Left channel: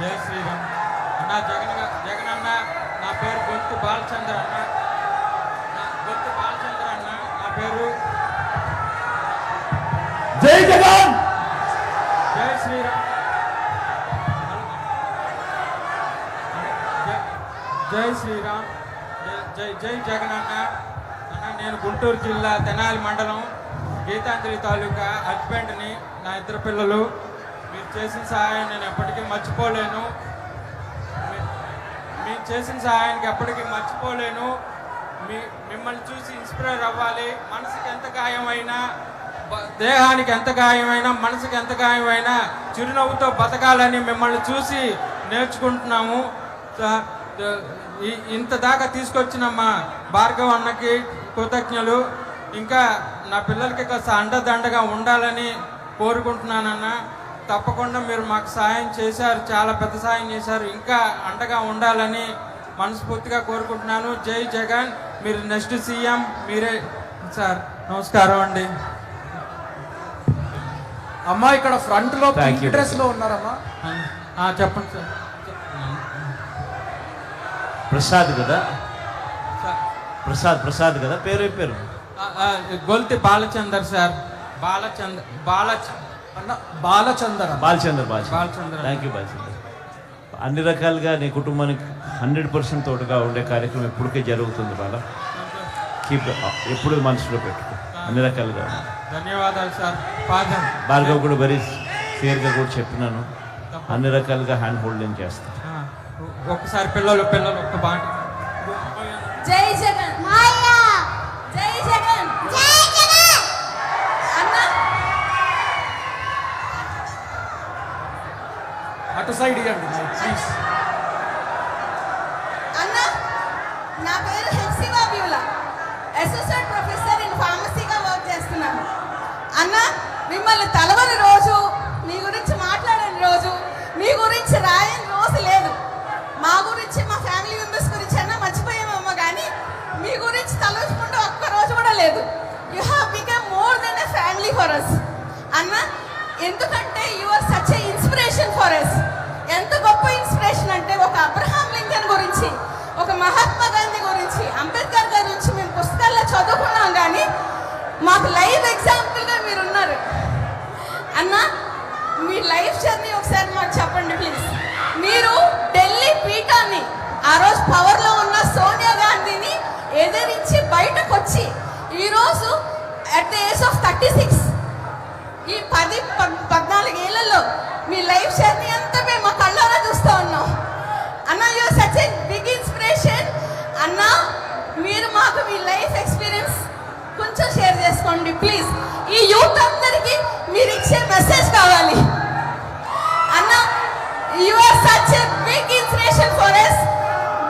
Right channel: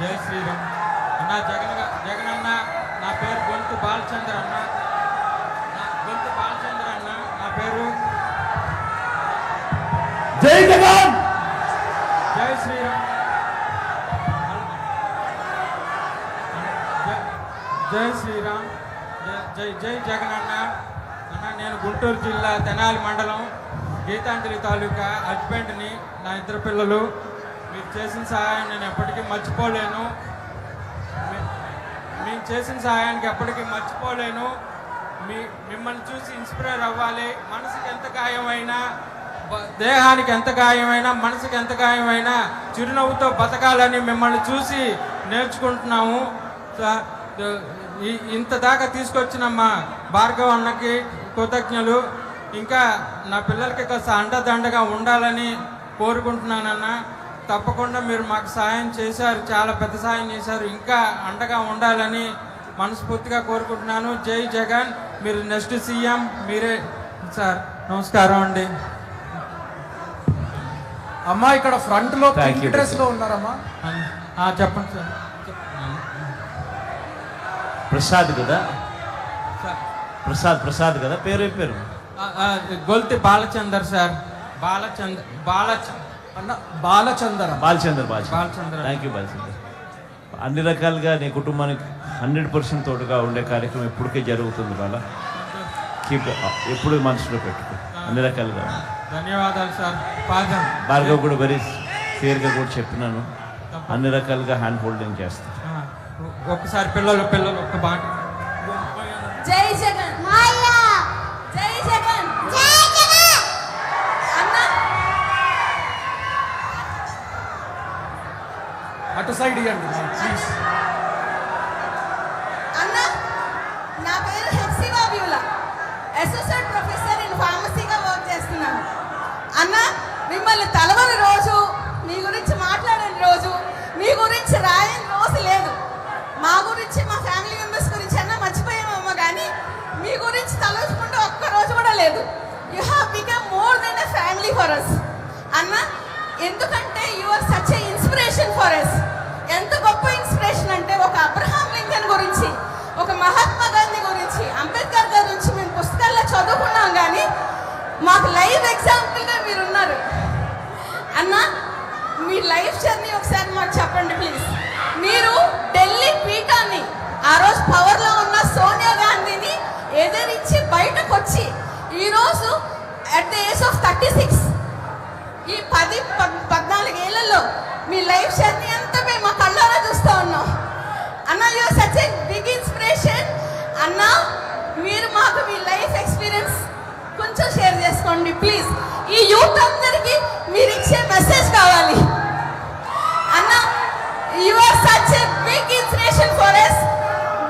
జై శ్రీరామ్. అన్న జగన్ జగన్ అన్న నా పేరు గొంతు బాలచంద్ర అన్న. నా గొంతు బాలచంద్ర అన్న నా పేరు జై జగన్! జై శ్రీరామ్. జై- జై శ్రీరామ్. జై- జై జై జగన్ అన్న. అన్న నేను గుంటూరు జిల్లా తెనాలి మండలం గీతాంజలి తాలూకా హస్బెండ్ని నా ఇద్దరు పిల్లలు మీరు చేసిన సహాయం నేను ఎప్పటికీ మర్చిపోలేను. మీరు చేసిన సహాయానికి ఎప్పటికీ మర్చిపోలేను. మీ మిమ్మల్ని చూసి ఇన్స్పైర్ అవ్వాలి. మనసుకి ఎంత గాయమైనా దేహానికి ఎంత గాయమైనా మనసుకి ఎంత గాయమైనా చిరునవ్వుతో బతకాలని మిమ్మల్ని చూసి నేర్చుకుంటున్నాము. ఇంత దాకా తీసుకొచ్చిన మా భార్గవ్ అన్నకి కృతజ్ఞలు. ఇంకా నా పిల్లలకి కాస్త అండదండగా ఉండాలని కోరుకుంటున్నానన్నా. తప్పకుండా మీరు మాకు సహాయం చేశారు చాలా పెద్ద సహాయం చేశారు. ఇంకా అండగా ఉండాలని మనస్ఫూర్తిగా కోరుకుంటున్నాను. జై జగన్. మీరు నెక్స్ట్ సీఎం మీరే. సార్ నమస్కారం అండి. అమ్మా ఇక్కడ ఫ్రంట్లో డ్రెస్. లో ఉన్నారమ్మా. ఆ, చెప్పండి సార్. ప్రసాద్ కదా? సార్. ప్రసాద్ ప్రసాద్ కదా? పేరు పేరు. గొల్తి బాలచందర్ సార్. బాలచందర్ బాలచ అన్న Balachander Balachandra Balachandra. Balachandra. Thank you Balachandra. అన్ని రకాలుగా నీ కుటుంబానికి హండ్రెడ్ పర్సెంట్ తోడుగా ఉండే కార్యక్రమం ఎప్పటికే జరుగుతుంది బాల. కీప్ ఎప్పుడు మనసులో పెట్టుకో. అన్ని రకాలుగా. ధన్యవాదాలు సార్. భార్గవ్ కూడా వెరీ క్లియర్గా కూడా చెప్పినాను. అన్ని రకాలుగా హ్యాండ్ హోల్డింగ్ చేస్తాను ఆ, ఒక్కసారి పిల్లలు పిల్లలు ఒక్క బాట సైడ్ ఇవ్వండి ప్లీజ్ అన్న నా పేరు హెప్సివా వ్యూల. అసోసియేట్ ప్రొఫెసర్ నేను ఫార్మసీగా వర్క్ చేస్తున్నాను. అన్న మిమ్మల్ని తలవని రోజు మీ గురించి మాట్లాడని రోజు మీ గురించి రాయని రోజు లేదు. మా గురించి మా ఫ్యామిలీ మెంబర్స్ గురించి అన్న మర్చిపోయామమ్మ కానీ మీ గురించి తలచుకుంటూ ఒక్క రోజు కూడా లేదు. You have become more than a family for us అన్న ఎందుకంటే థర్టీ సిక్స్. ఈ పది పద్నాలుగు ఏళ్ళలో మీ లైఫ్ జర్నీ అంతా మేము మా కళ్ళారా చూస్తూ ఉన్నాం. అన్న you such a big inspiration అన్న మీరు మాకు మీ లైఫ్ ఎక్స్పీరియన్స్ కొంచెం షేర్ చేసుకోండి ప్లీజ్. ఈ యూత్ అందరికీ మీరు ఇచ్చే మెసేజ్ కావాలి. అన్న you are such a big inspiration for us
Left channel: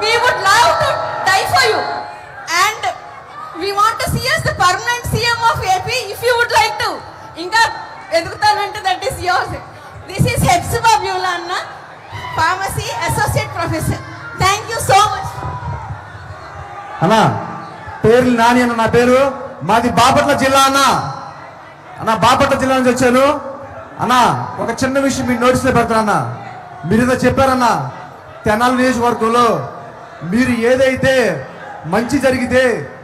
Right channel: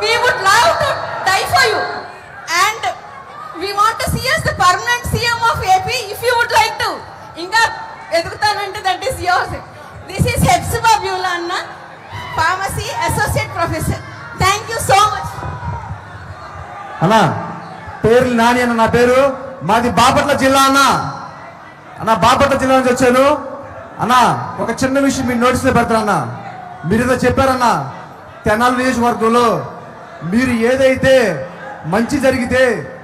we would love to die for you and we want to see as the permanent CM of AP if you would like to ఇంకా ఎదుగుతానంటే that is yours this is Hepsiba Beulah అన్న pharmacy associate professor thank you so much అన్నా పేరు నాని అన్న నా పేరు. మాది బాపట్ల జిల్లా అన్న. అన్న బాపట్ల జిల్లా నుంచి వచ్చాను. అన్న ఒక చిన్న విషయం మీరు నోటీసులో పెడతాను మీరు ఏదో చెప్పారన్న తెనాలి నియోజకవర్గంలో మీరు ఏదైతే మంచి జరిగితే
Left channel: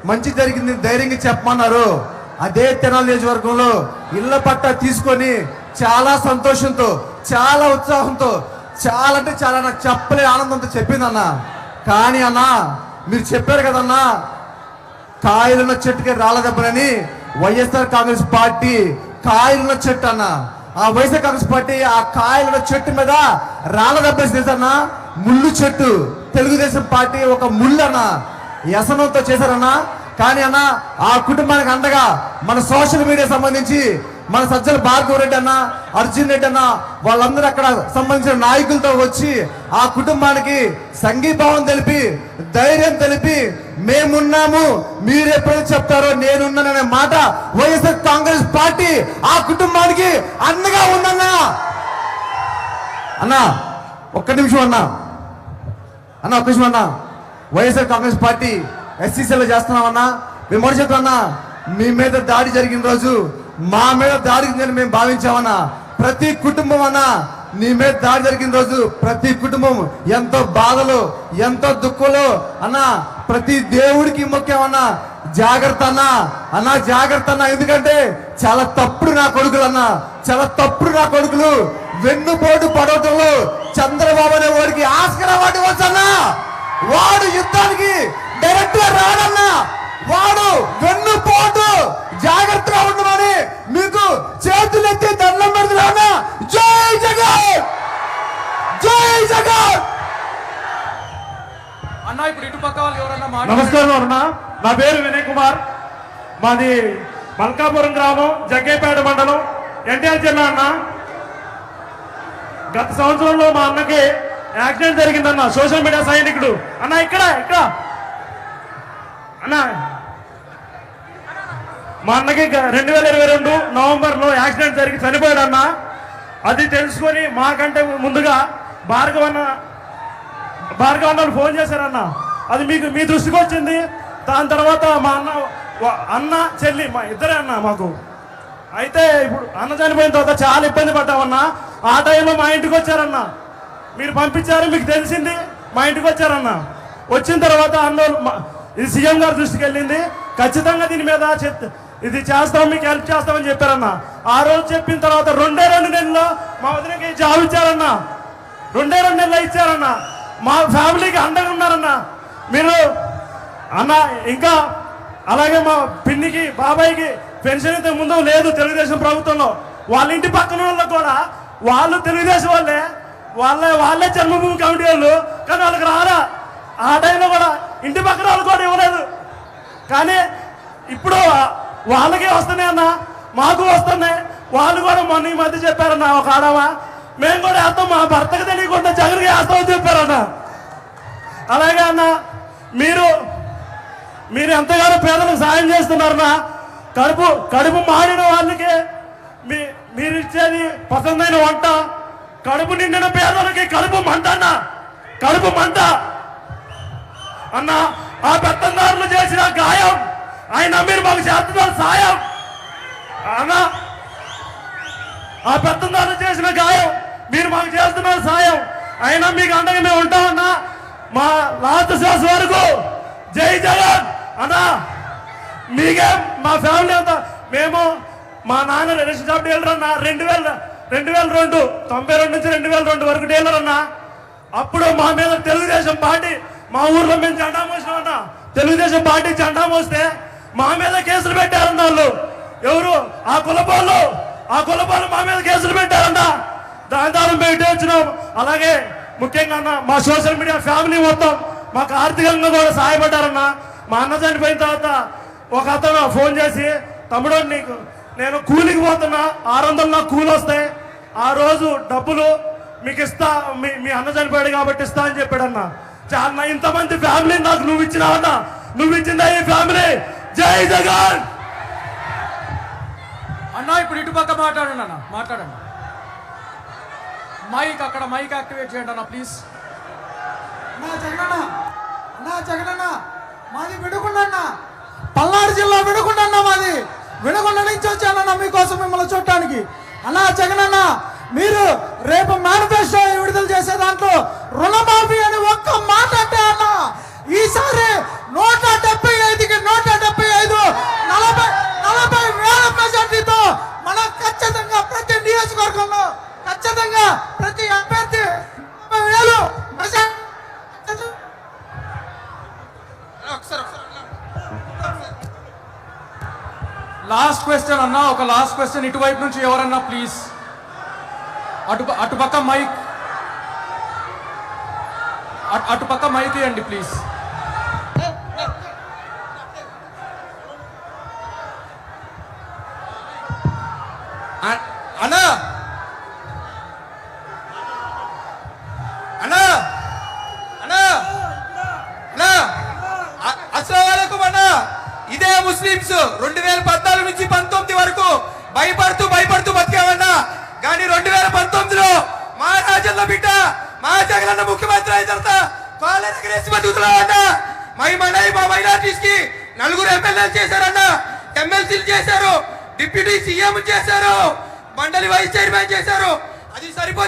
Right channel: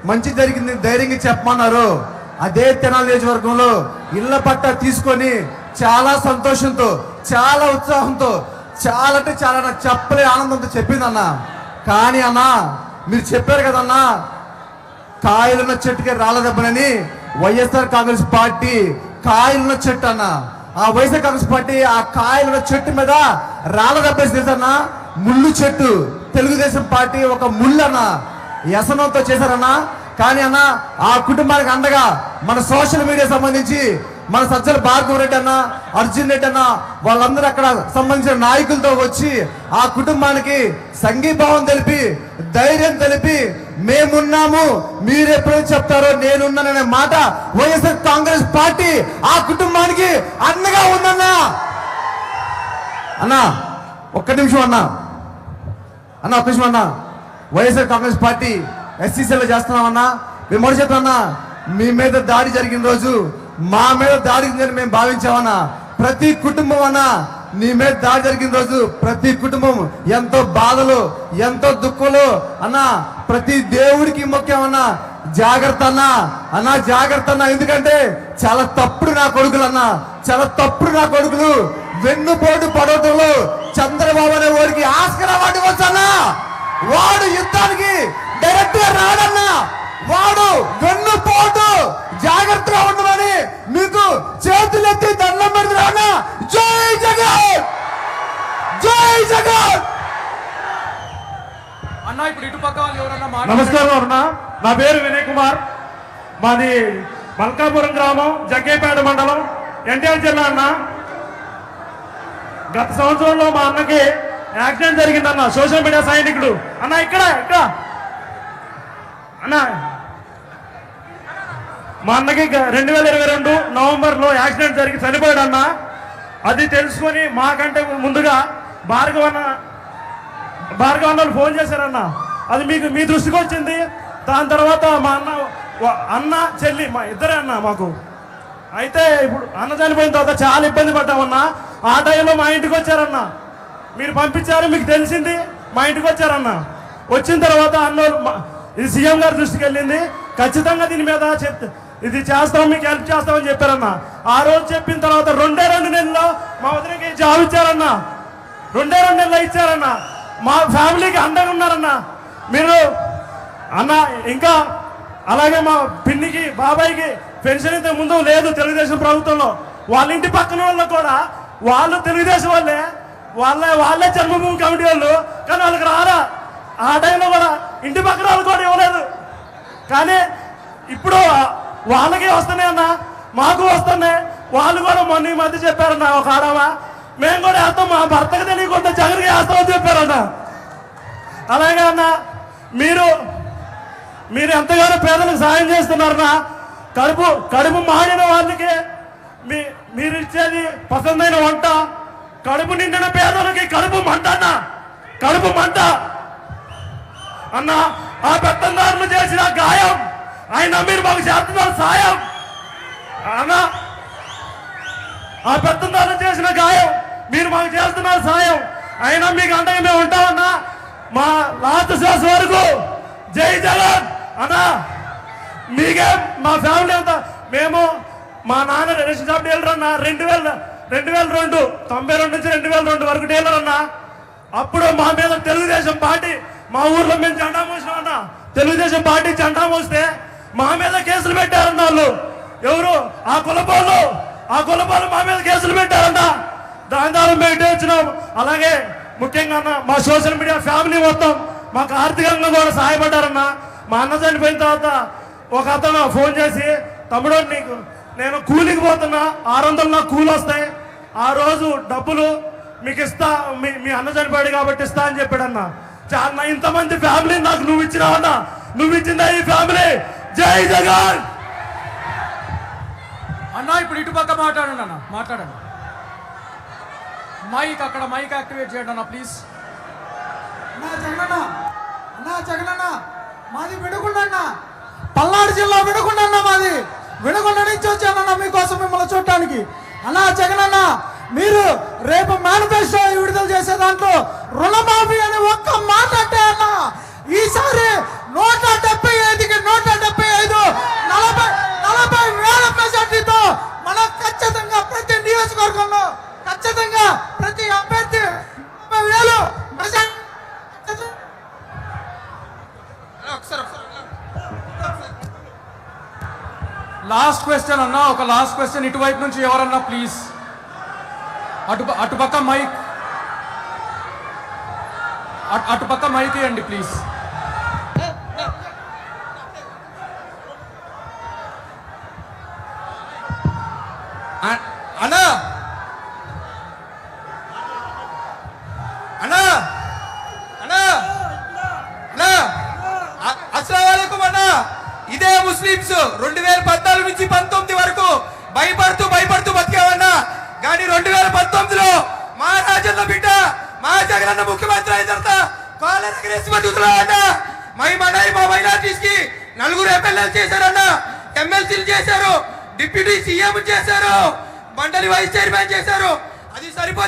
మంచి జరిగింది ధైర్యంగా చెప్పమన్నారు. అదే తెనాలి నియోజకవర్గంలో ఇళ్ళ పట్ట తీసుకొని చాలా సంతోషంతో చాలా ఉత్సాహంతో చాలా అంటే చాలా నాకు చెప్పలే ఆనందంతో చెప్పింది అన్న కానీ అన్న మీరు చెప్పారు కదన్నా కాయలున్న చెట్టుకి రాళ్ళ దెబ్బనని వైఎస్ఆర్ కాంగ్రెస్ పార్టీ కాయలున్న చెట్టు అన్న. ఆ వైఎస్ఆర్ కాంగ్రెస్ పార్టీ ఆ కాయలున్న చెట్టు మీద రాళ్ళ దెబ్బేసి తెలుసన్న ముళ్ళు చెట్టు. తెలుగుదేశం పార్టీ ఒక ముళ్ళు అన్న. వ్యసనంతో చేశారన్నా. కానీ అన్న ఆ కుటుంబానికి అండగా మన సోషల్ మీడియా సంబంధించి మన సజ్జల భార్గవ రెడ్డి అన్న అర్జున్ రెడ్డి అన్న వాళ్ళందరూ అక్కడ సంబంధించిన నాయకులతో వచ్చి ఆ కుటుంబానికి సంఘీభావం తెలిపి ధైర్యం తెలిపి మేమున్నాము మీరు చెప్తారో నేనున్నాననే మాట వైఎస్ఆర్ కాంగ్రెస్ పార్టీ ఆ కుటుంబానికి అండగా ఉందన్నా. అన్నా ఒక్క నిమిషం అన్నా. అన్న ఒక్క నిమిషం అన్నా. వైఎస్ఆర్ కాంగ్రెస్ పార్టీ ఎస్సీసీలో చేస్తున్నామన్నా మేము మొదటి చెప్తున్నా మీ మీద దాడి జరిగిన రోజు మా మీద దాడి జరిగిందని మేము భావించామన్నా ప్రతి కుటుంబం అన్నా నీ మీద దాడి జరిగిన రోజు ప్రతి కుటుంబం ఎంతో బాధలు ఎంతో దుఃఖలు అన్నా ప్రతి దేవుడికి ముఖ్యమన్నా జాగ్రత్త అన్న అన్న జాగ్రత్త అన్న ఎందుకంటే చాలా తప్పుడు నా కొడుకులు అన్నా చాలా తప్పుడు నా కొడుకులు వెన్నుపోటు పడవటంలో చంద్రబాబు అనే వాడికి ఆస్కర్ అవార్డు వాడు యుద్ధానికి డైరెక్ట్గా రాడన్నా వాడు వెన్నుపోటు జాగ్రత్తగా ఉండమని మీకు చేతులెత్తి దండం పెడుతున్నా జై జగన్! జై జగన్! అన్న ఇప్పుడు ఇటు పక్క వాళ్ళు ఎవరన్నా నమస్కారం అరుణ. నా పేరు వినయ్ కుమార్. మాది మల్కాపురం గ్రామం జగ్గేపేట మండలం ఎన్టీఆర్ జిల్లా అన్న. గత సంవత్సరంలో మా అన్నకి యాక్సిడెంట్ జరిగిందన్న. సోషల్ మీడియా సైనికుడు. అన్న ఇక్కడ ఇక్కడ. అన్న. మా అన్నకి రెండు వేల ఇరవై రెండు నవంబర్లో యాక్సిడెంట్ జరిగి చనిపోయాడు అన్న అది తెలుసుకొని మాకంటే ముందుగా భార్గవన్న భార్గవ అన్న వాళ్ళు ఫోన్ చేశారన్న. అది మీకు మీ దృష్టికి వచ్చింది. దాని తర్వాత మా అన్న అన్న చెల్లి మా ఇద్దరే అన్న మాకు. అయితే ఇప్పుడు అన్న చనిపోయిన తర్వాత చాలా ఇబ్బంది పడ్డామన్నా. ఆ టైంలో మా ఇంటికి వచ్చారన్నా. మీరు పంపించారు మీకు తెలిసింది మా ఇంటికి వచ్చారన్న. వచ్చిన తర్వాత అన్నోళ్ళు మా- ఇది సీఎం గారి దృష్టికి వెళ్ళింది. ఖచ్చితంగా దీని మీద ఇది చేస్తాం మీకు హెల్ప్ చేస్తామని చెప్పారన్న. ఆ రోజు చెప్పిన తర్వాత రెండే రెండు నెలల్లో మా వదినకి జాబ్ ఇచ్చారన్న. రెండే రెండు నెలలు ఇచ్చారన్న. మా ఫ్యామిలీకి అండగా ఉన్నారన్న. మీరు అన్న ఇంకా అలాగే మా పిన్నికి బాబాయ్కి పెన్షన్ ఇంత ముందు లేదు తెలుగుదేశం ప్రభుత్వంలో. వాళ్ళ ఇంటి పక్కన వాళ్ళకు కూడా వాళ్ళు తెలుగుదేశం వాళ్ళే. వాళ్ళే వాళ్ళే జన్మభూమి కమిటీ వాళ్ళు. కానీ వాళ్ళకి రారా? ఆ టైంలో కూడా ఇంటి పక్కన వాళ్ళు కూడా ఇవ్వలేదు. కానీ ఇప్పుడు వాళ్ళకే వస్తున్నాయి అన్న మాకు వస్తున్నాయి. వాళ్ళు కూడా మొన్న ఈ మధ్య చెప్పారన్న ఒక ఆడవ. మేము కూడా వేస్తాం మా భర్తకు తెలియకుండా జగన్కి వేస్తామని చెప్పారన్న. అలాగే అన్న మీరు మీరు ఎంతగానో పేదలకు సాయం చేస్తున్నారన్న కడుపు కడుపు మాడిన వాళ్ళకి మీ మీరు ఇచ్చేది పసందైన వంట కడుపు నిండిన పేదలకి కడుపు మంట అన్న. కడుపు మంట అన్న ఆ పెత్తందారులు చేసిన గాయం ఆయన మీరు మాకు చేస్తున్నారు సాయం. అన్న ఆ పెత్తందారులు చేసిన గాయం మీరు మాకు చేస్తున్నారు సాయం. అయినా మీకు అండగా మేము ఉంటామన్నా మా లాస్ట్ శ్వాస వరకు. జై జగన్. అన్నా మీకే మా ఫ్యామిలీ అంతా. మేము మా నాన్న రేషన్ షాప్ డీలర్ అన్న రెండు వేల రెండు వేల రెండు తొంభై రెండు నుంచి రెండు వేల రెండు వరకు డీలర్ అన్న. అప్పుడు మా మీద తెలుగుదేశం పార్టీ మా ఊర్లో మేము జెండా మోసినాం అన్న. తెలుగుదేశం పార్టీ జెండా మోస్తే మా మీద కేసులు పెట్టారన్న వాళ్ళు. ఎవరు? ఆ కులపాలు. ఆ కులపాలు మా మీద కేసులు పెట్టారన్న. దాని ద్వారా మేము వచ్చినాం. అలాగే ముఖ్యంగా అన్న మా సోషల్ మీడియా ఫ్యామిలీ మొత్తం మాకు ఆర్థికంగా కూడా సహాయపడ్డారన్న. మా అన్న చనిపోయిన తర్వాత ఒక అతను ఫోన్ చేసి తమ్ముడు నీకు నేను కూలికి పోతున్నా ఆరు వందలు నాకు కూలి వస్తాయి ఆ రోజు డబ్బులు మీకు ఇస్తా మీ మీ అన్న చనిపోయాడు కాబట్టి ఇస్తా అని చెప్పాడన్న. చాలా ఇంతమంది ఫ్యామిలీ నాకు నువ్వు ఇచ్చినావన్న. నువ్వు ఇచ్చిందా ఈ ఫ్యామిలీ. జై జగన్! అన్న ఇప్పుడు ఇటు పక్క మాట్లాడండి అన్న మాట్లాడండి. మైక్ అక్కడ మైక్ యాక్టివేట్ చేయండి అన్న ప్లీజ్ అన్నా జగనన్న అన్నా జగనన్న మాది విడుగుండన్న. పల్నాడు జిల్లా విడుగుండన్న మాది. విడుగుండ నుంచి వచ్చానన్న మీకోసం మిమ్మల్ని చూడటానికి. అన్నా జగనన్న మీరు రేపు లాస్ట్ క్వశ్చన్ అన్న ఒక లాస్ట్ క్వశ్చన్ ఇటువైపు నుంచి ఎవరన్నా ప్లీజ్ అటు అటుపక్క మైక్ అటు- మైక్ ఇవ్వండి ప్లీజ్ అన్నా! మా రాజన్న బిడ్డ మా జగనన్న ముఖ్యమంత్రి అయిన తర్వాత కాలేజ్ ఎగరేసి బతుకుతున్నామన్నా మై మనై మా మైనార్టీస్కి నలుగురు ఎమ్మెల్యేలు చేశారన్నా ఎమ్మెల్సీలు చేశారు డిప్యూటీ సీఎం చేశారు మండలి వైస్ చైర్మన్ చేశారు. అది సరిపోతుంది